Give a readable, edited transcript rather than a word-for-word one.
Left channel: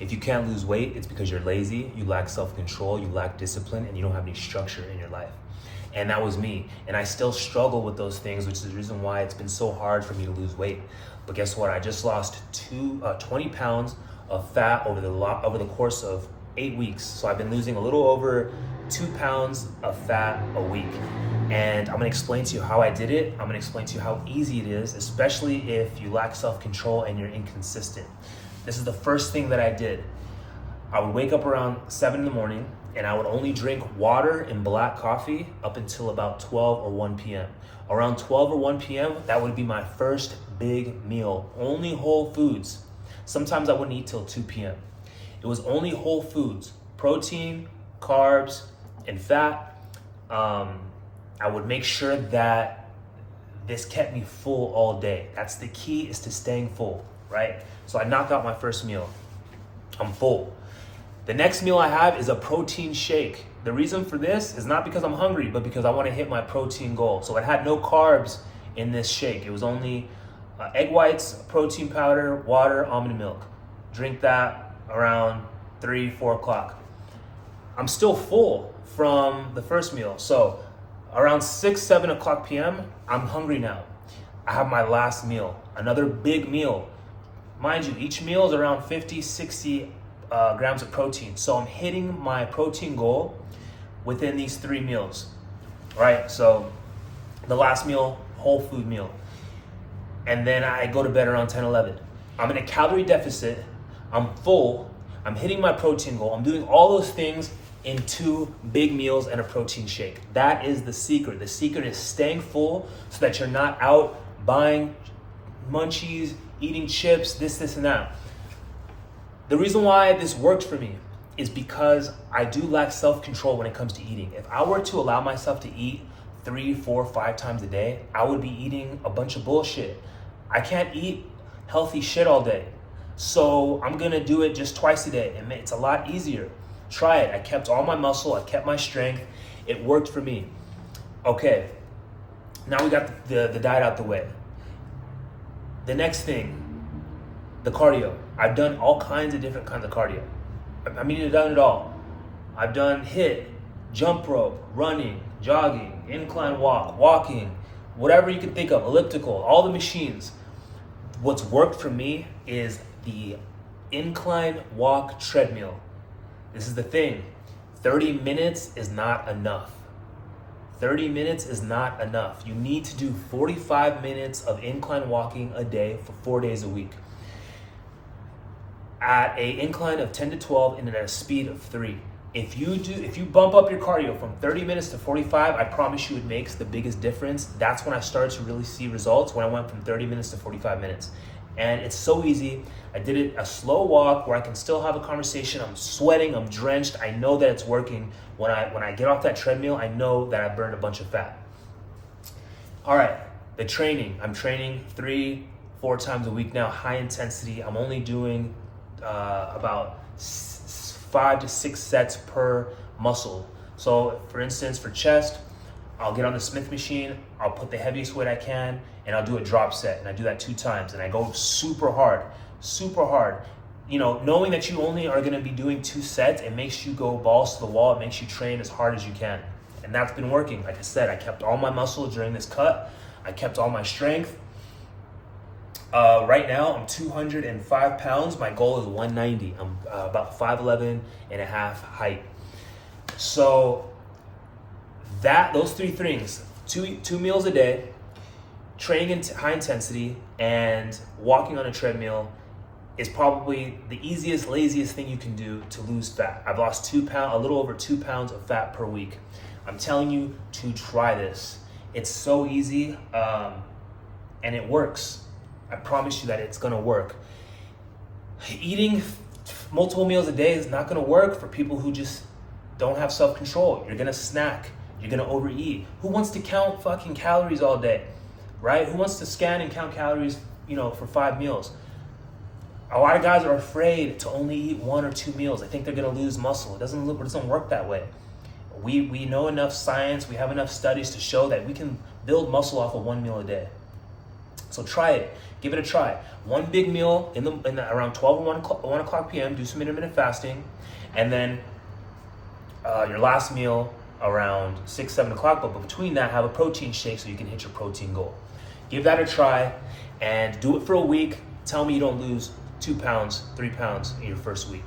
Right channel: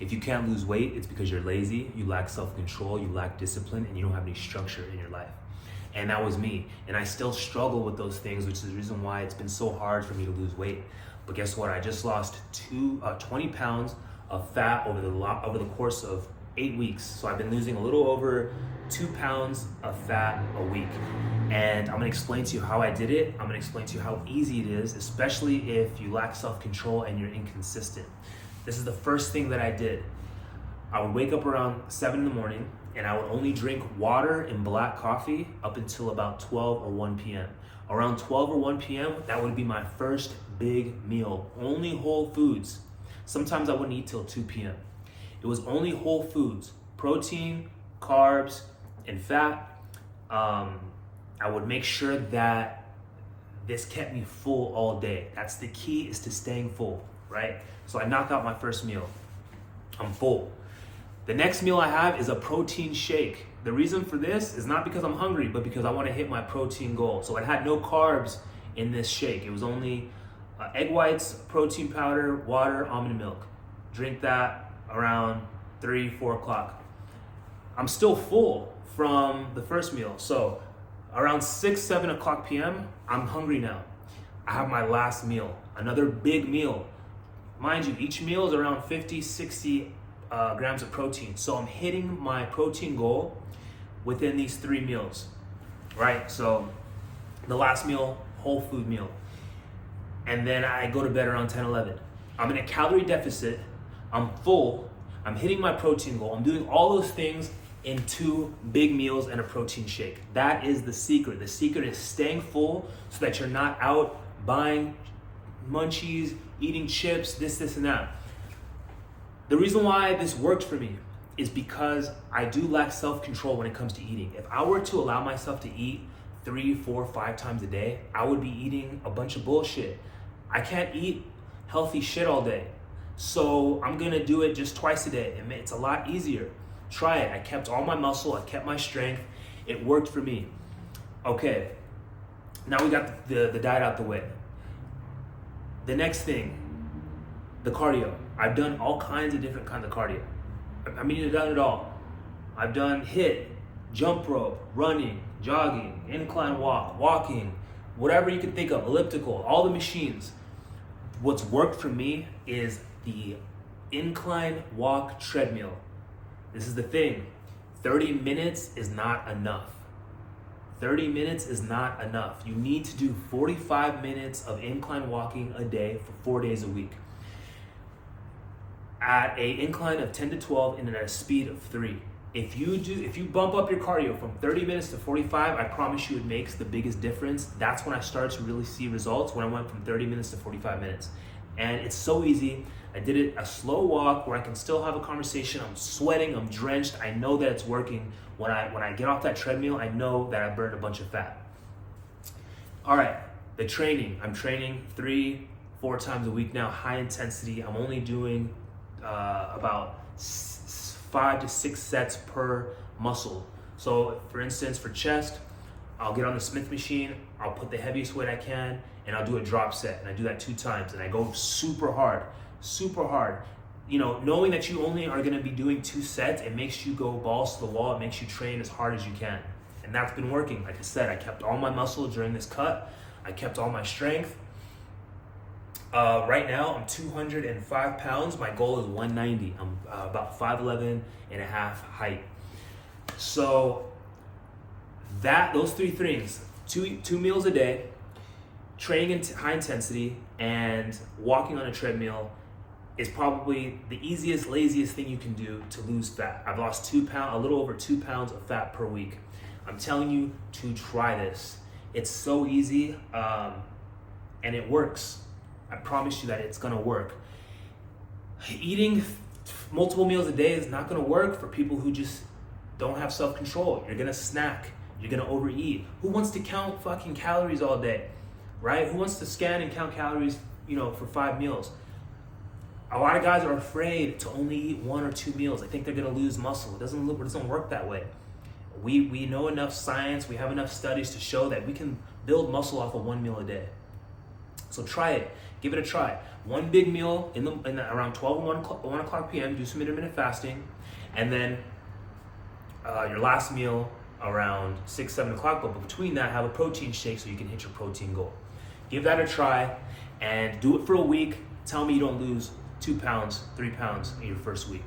If you can't lose weight, it's because you're lazy, you lack self-control, you lack discipline, and you don't have any structure in your life. And that was me. And I still struggle with those things, which is the reason why it's been so hard for me to lose weight. But guess what? I just lost 20 pounds of fat over the course of 8 weeks. So I've been losing a little over 2 pounds of fat a week. And I'm gonna explain to you how I did it. I'm gonna explain to you how easy it is, especially if you lack self-control and you're inconsistent. This is the first thing that I did. I would wake up around 7 in the morning and I would only drink water and black coffee up until about 12 or 1 p.m. Around 12 or 1 p.m., that would be my first big meal. Only whole foods. Sometimes I wouldn't eat till 2 p.m. It was only whole foods, protein, carbs, and fat. I would make sure that this kept me full all day. That's the key, is to staying full, right? So I knock out my first meal. I'm full. The next meal I have is a protein shake. The reason for this is not because I'm hungry, but because I want to hit my protein goal. So it had no carbs in this shake. It was only egg whites, protein powder, water, almond milk. Drink that around 3, 4 o'clock. I'm still full from the first meal. So around 6, 7 o'clock p.m., I'm hungry now. I have my last meal, another big meal. Mind you, each meal is around 50, 60 grams of protein. So I'm hitting my protein goal within these 3 meals, right? So the last meal, whole food meal. And then I go to bed around 10, 11. I'm in a calorie deficit. I'm full. I'm hitting my protein goal. I'm doing all those things in 2 big meals and a protein shake. That is the secret. The secret is staying full so that you're not out buying munchies, eating chips, this, and that. The reason why this worked for me is because I do lack self-control when it comes to eating. If I were to allow myself to eat 3, 4, 5 times a day, I would be eating a bunch of bullshit. I can't eat healthy shit all day. So I'm gonna do it just twice a day, and it's a lot easier. Try it. I kept all my muscle, I kept my strength. It worked for me. Okay, now we got the diet out the way. The next thing, the cardio. I've done all kinds of different kinds of cardio. I mean, I've done it all. I've done HIIT, jump rope, running, jogging, incline walk, walking, whatever you can think of, elliptical, all the machines. What's worked for me is the incline walk treadmill. This is the thing, 30 minutes is not enough. 30 minutes is not enough. You need to do 45 minutes of incline walking a day for 4 days a week. At a incline of 10 to 12 and at a speed of 3. If you bump up your cardio from 30 minutes to 45, I promise you it makes the biggest difference. That's when I started to really see results, when I went from 30 minutes to 45 minutes. And it's so easy. I did it a slow walk where I can still have a conversation. I'm sweating, I'm drenched. I know that it's working. When I get off that treadmill, I know that I burned a bunch of fat. All right, the training. I'm training 3, 4 times a week now, high intensity. I'm only doing about 5 to 6 sets per muscle. So for instance, for chest, I'll get on the Smith machine, I'll put the heaviest weight I can, and I'll do a drop set, and I do that 2 times, and I go super hard. You know, knowing that you only are gonna be doing 2 sets, it makes you go balls to the wall, it makes you train as hard as you can. And that's been working. Like I said, I kept all my muscle during this cut, I kept all my strength. Right now, I'm 205 pounds. My goal is 190. I'm about 5'11 and a half height. So those 3 things, two meals a day, training in high intensity, and walking on a treadmill is probably the easiest, laziest thing you can do to lose fat. I've lost a little over 2 pounds of fat per week. I'm telling you to try this. It's so easy, and it works. I promise you that it's gonna work. Eating multiple meals a day is not gonna work for people who just don't have self-control. You're gonna snack, you're gonna overeat. Who wants to count fucking calories all day, right? Who wants to scan and count calories, for 5 meals? A lot of guys are afraid to only eat 1 or 2 meals. They think they're gonna lose muscle. It doesn't work that way. We know enough science, we have enough studies to show that we can build muscle off of 1 meal a day. So try it. Give it a try. One big meal around 12 or 1 o'clock p.m., do some intermittent fasting, and then your last meal around 6, 7 o'clock, but between that, have a protein shake so you can hit your protein goal. Give that a try and do it for a week. Tell me you don't lose 2 pounds, 3 pounds in your first week.